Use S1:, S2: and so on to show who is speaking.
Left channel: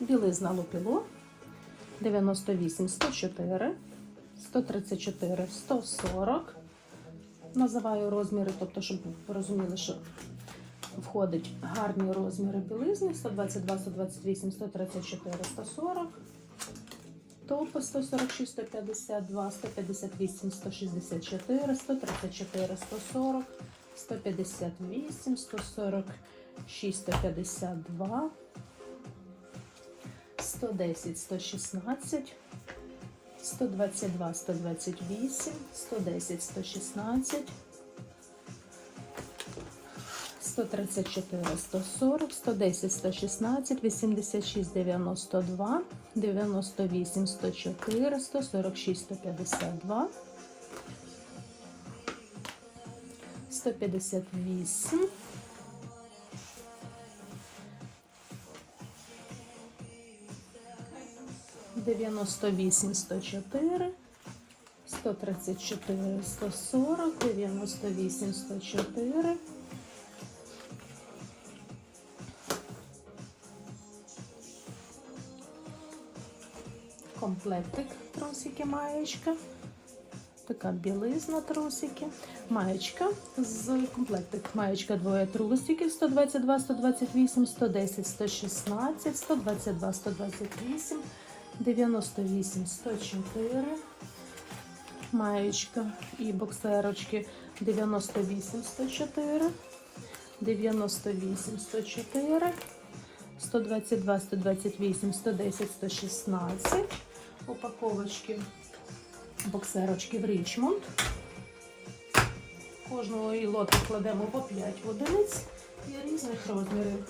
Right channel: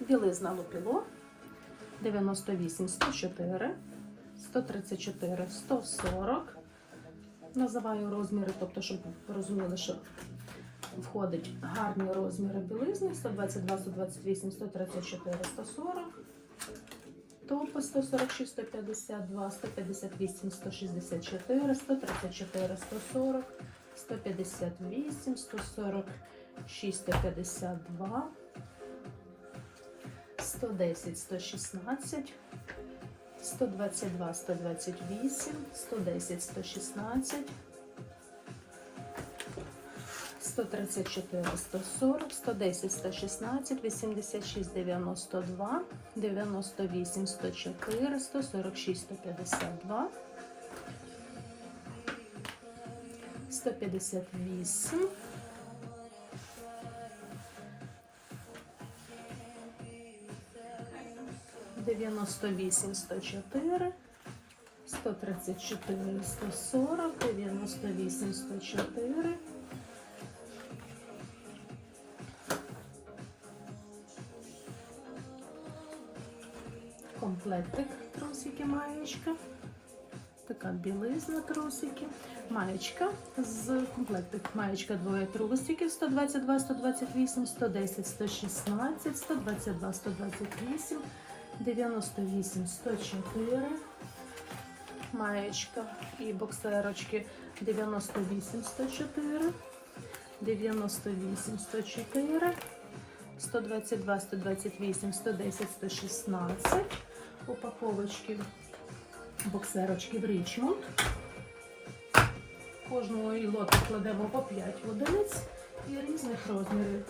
S1: Білизна лупіло 98 104, 134 140. Називаю розміри, тобто, щоб ви розуміли, що входить гарні розміри білизни 122, 128, 134, 140. Топи 146, 152, 158, 164, 134, 140, 158, 146, 152, 110, 116, 122, 128, 110, 116, 134, 140, 110, 116, 86, 92, 98, 104, 146, 152, 158, 98, 104, 134, 140, 98, 104, комплектик трусики маєчка. Така білизна трусики. Маєчка з комплектик. Маєчка двоє трусиків 122, 128, 110, 116, 122, 128, 98, 104. Маєчка і боксерочки 98, 104, 98, 104, 122, 128, 110, 116. Упаковочки боксерочки в Річмонд. Кожного лоту кладемо по 5 одиниць і різних розмірів.